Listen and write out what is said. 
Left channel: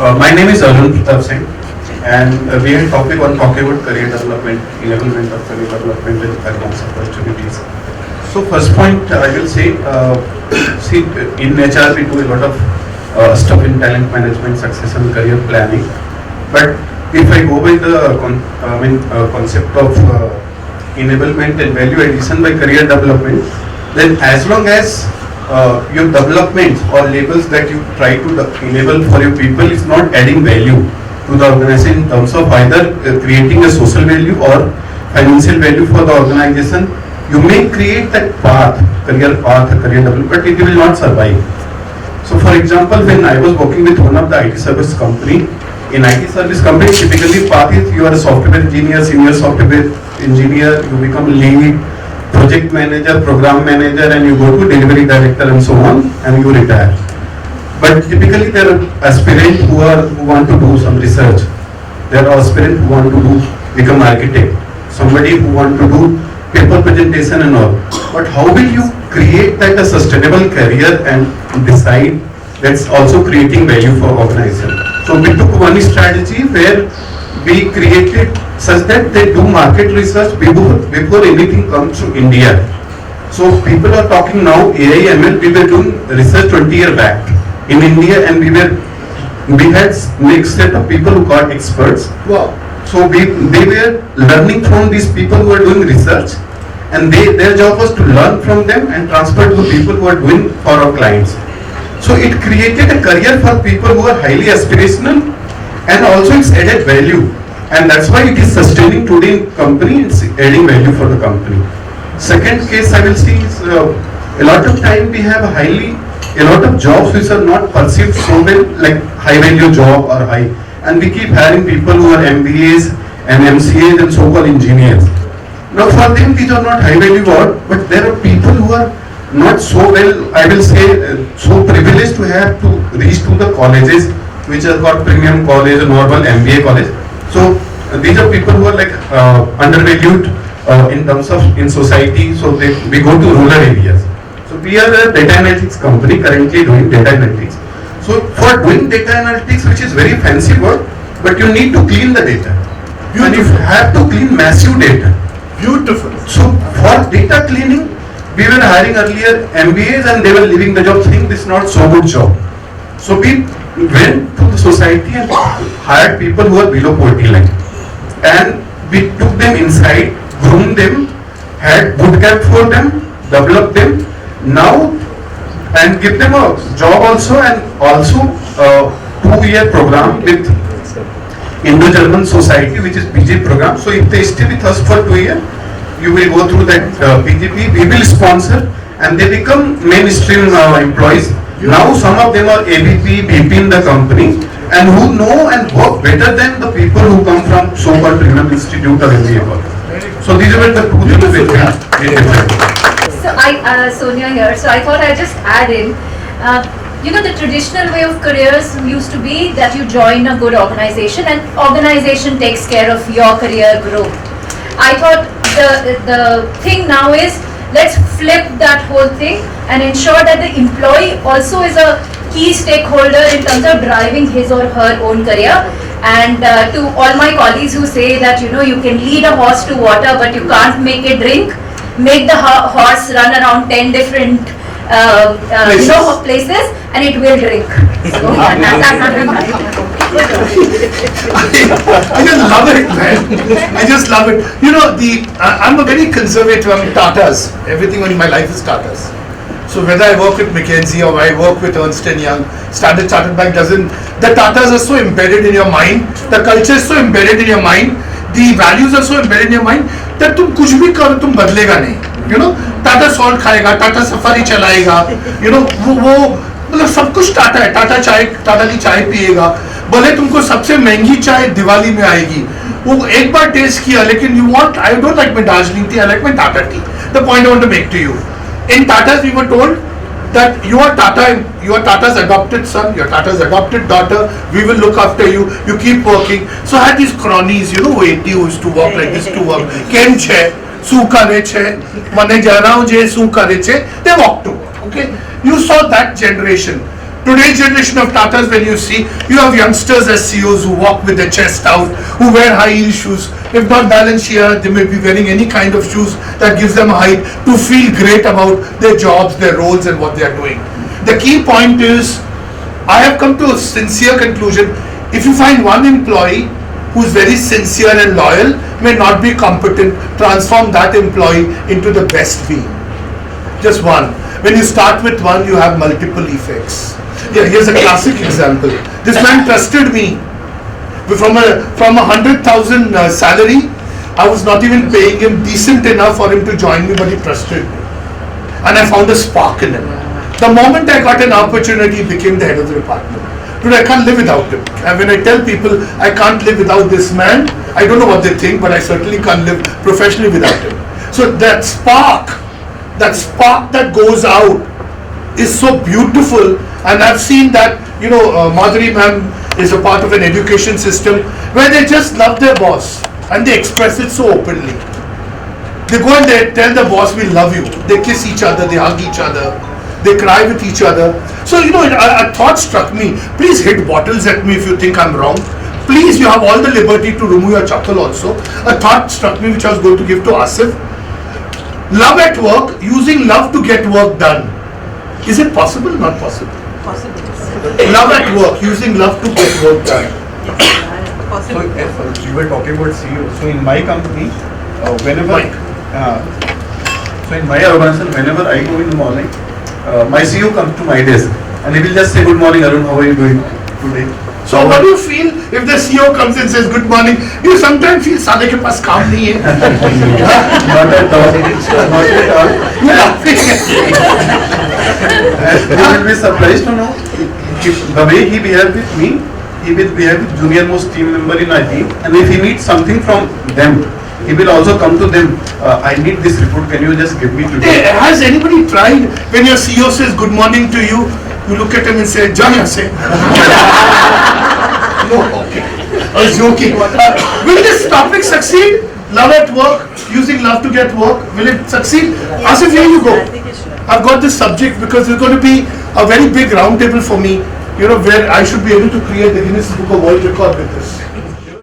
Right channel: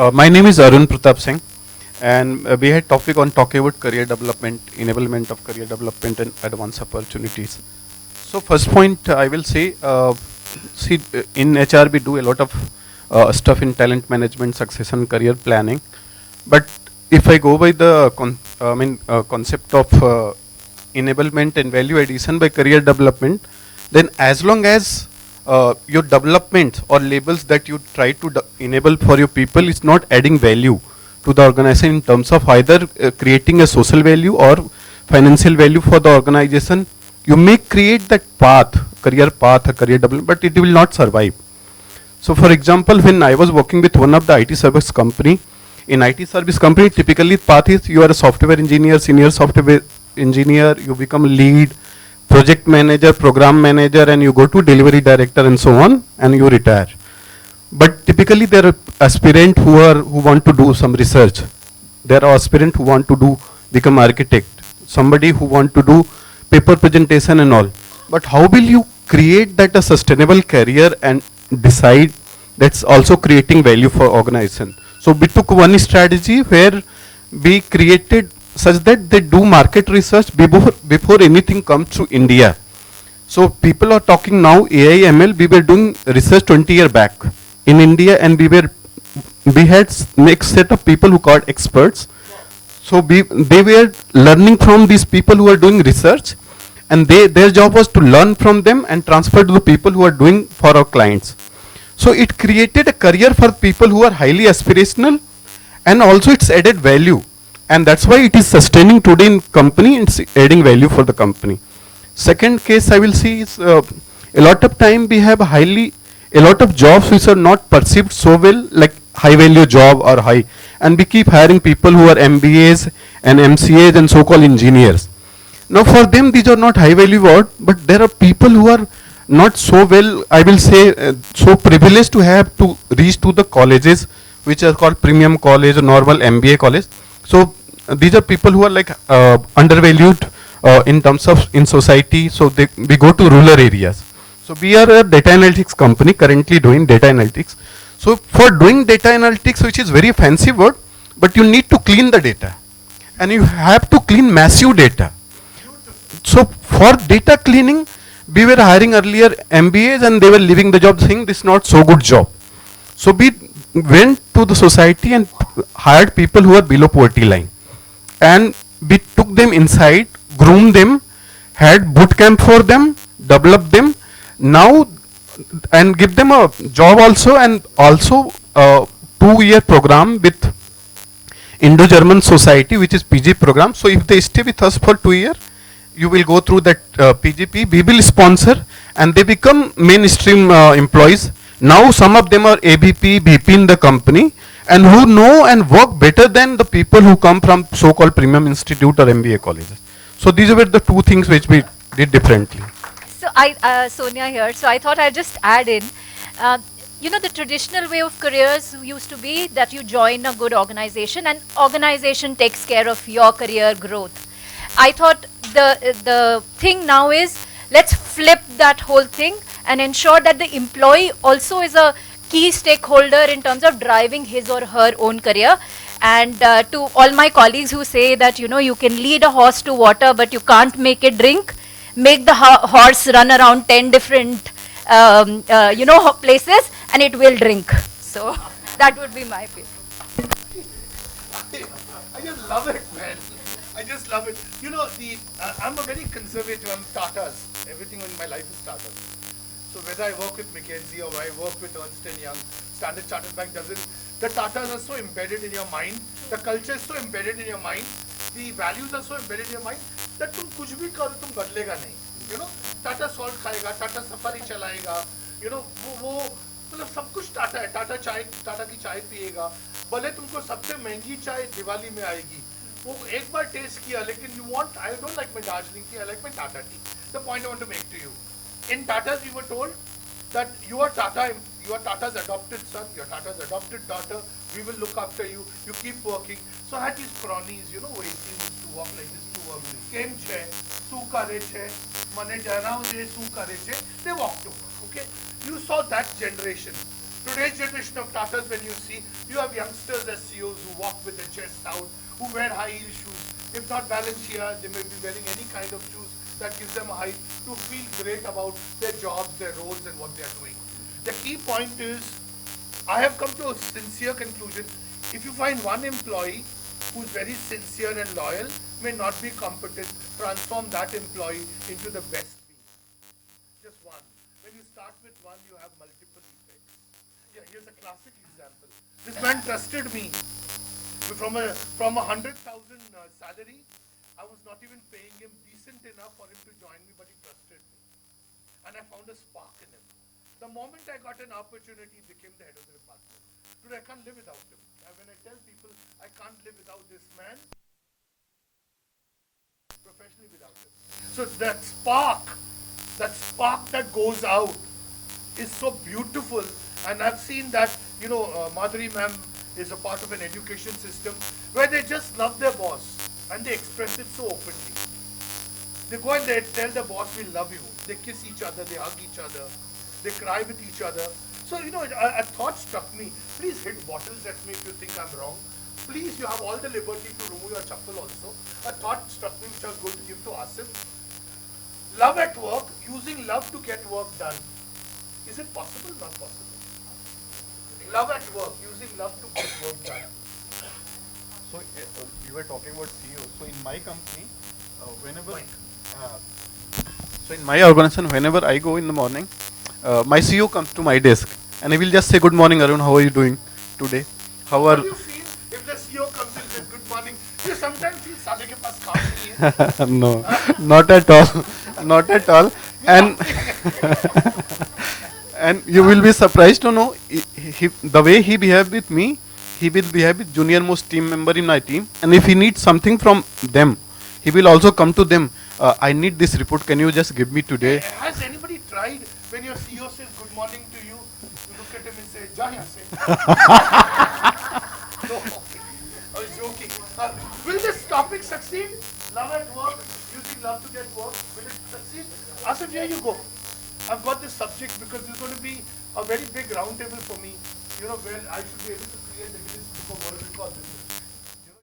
My name is Arun Pratap Singh, and we had topic on talking about career development, enablement of career development and advanced opportunities. So first point I will say, see in HR we do a lot of stuff in talent management, succession, career planning. But if I go by the concept of enablement and value addition by career development, then as long as your development or labels that you try to enable for your people is not adding value to the organization in terms of either creating a social value or financial value for the organization, you may create that path, career development, but it will not survive. So for example, when I was working with one of the IT service company, in IT service company typically path is you are a software engineer, senior software engineer, you become lead, project manager, program manager, and you go to delivery director and so on, and you retire. But typically there are aspirants who want to do some research. There are aspirants who want to become architect. Somebody who want to do paper presentation and all. But how will you create that a sustainable career and decide that's also creating value for organization? So we took one strategy where we created such that they do market research before anything comes to India. So people are talking now AI, ML, we were doing research 20 years back in India, and we had next set of people who got experts. Wow. So they were learning from these people who are doing research, and their job was to learn from them and transfer to the people who are doing for our clients. So it created a career for people who are highly aspirational, and also it's added value. And that's why it is sustaining today in company, it's adding value for the company. Second case I will see is a lot of time we have a lot of jobs which are not perceived so well, like high value job or high, and we keep hiring people who are MBAs and MCAs and so-called engineers. Now for them these are not high value work, but there are people who are not so well, I will say, so privileged to have to reach to the colleges which are called premium college, normal MBA college. So these are people who are like undervalued in terms of in society. So we go to rural areas. So we are a data analytics company currently doing data analytics. So for doing data analytics, which is very fancy word, but you need to clean the data. And you have to clean massive data. Beautiful. So for data cleaning, we were hiring earlier MBAs and they were leaving the job saying this is not so good job. So we went to the society and hired people who are below poverty line, and we took them inside, groomed them, had boot camp for them, developed them now, and give them a job also, and also a 2-year program with Indo-German Society, which is PG program. So if they stay with us for 2 years, you will go through that PGP, we will sponsor, and they become mainstream employees. Now some of them are AVP, VP in the company, and who know and work better than the people who come from so-called premium institute or MBA. So these were the two things which we did differently. So Sonia here. So I thought I'd just add in, the traditional way of careers used to be that you join a good organization and organization takes care of your career growth. I thought the thing now is, let's flip that whole thing and ensure that the employee also is a key stakeholder in terms of driving his or her own career. And to all my colleagues who say that, you can lead a horse to water but you can't make it drink, make the horse run around 10 different places and it will drink. So that's not I just love it, man. I just love it. I'm a very conservative. I'm Tatas. Everything in my life is Tatas. So whether I work with McKinsey or I work with Ernst & Young, Standard Chartered Bank doesn't. The Tatas are so embedded in your mind. The culture is so embedded in your mind. The values are so embedded in your mind that तुम कुछ भी करो तुम बदलेगा नहीं. Tata salt खाएगा, Tata safari चलाएगा. वो मतलब सब कुछ टाटा है. टाटा की चाय पिएगा. भले तुमको सबसे महंगी चाय दिवाली में आएगी, वो एक बार टेस्ट किया, लेकिन you want, I don't like my Darjeeling tea, I like my Tata tea. The point I want to make to you, in Tatas we were told that you are Tata's adopted son, you are Tata's adopted daughter, we will look after you, you keep working. So I had these cronies, who used to walk like this to work. Kem che, su kare che, mane jana je su kare che, they walk to work, okay? You saw that generation. Today's generation of Tatas, when you see, you have youngsters as CEOs who walk with their chest out, who wear high heel shoes. If not Balenciaga, they may be wearing any kind of shoes that gives them a height to feel great about their jobs, their roles and what they are doing. The key point is, I have come to a sincere conclusion. If you find one employee who is very sincere and loyal, may not be competent, transform that employee into the best being. Just one. When you start with one, you have multiple effects. Yeah, here's a classic example. This man trusted me. From a 100,000 salary, I was not even paying him decent enough for him to join me, but he trusted me. And I found a spark in him. The moment I got an opportunity, he became the head of the department. Today I can't live without him. And when I tell people I can't live without this man, I don't know what they think, but I certainly can't live professionally without him. So that spark that goes out is so beautiful. And I've seen that, Madhuri ma'am is a part of an education system where they just love their boss and they express it so openly. They go and they tell the boss, we love you. They kiss each other, they hug each other, they cry with each other. So, a thought struck me. Please hit bottles at me if you think I'm wrong. Please, you have all the liberty to remove your chappal also. A thought struck me which I was going to give to Asif. Love at work, using love to get work done. Is it possible? Not possible. Possible. Love at work, using love to get work done. Possible. So, you were talking about CEO. So, in my company, whenever, So in my organization, whenever I go in the morning, my CEO comes to my desk and he will just say, good morning Arun, how are you doing today? So what do you feel if the CEO comes and says good morning? You sometimes feel साले के पास काम नहीं है. Not at all. Not at all. And you will be surprised to know the way he behaved with me, he will behave with junior most team member in our team, and if he needs something from them, he will also come to them. I need this report. Can you just give me today? Has anybody tried when your CEO says good morning to you, you look at him and say, "Ja yahan se." No, okay. I was joking. Will this topic succeed? Love at work, using love to get work. Will it succeed? Asif, here you go. I've got this subject because it's going to be a very big roundtable for me, where I should be able to create the Guinness Book of World Record with this.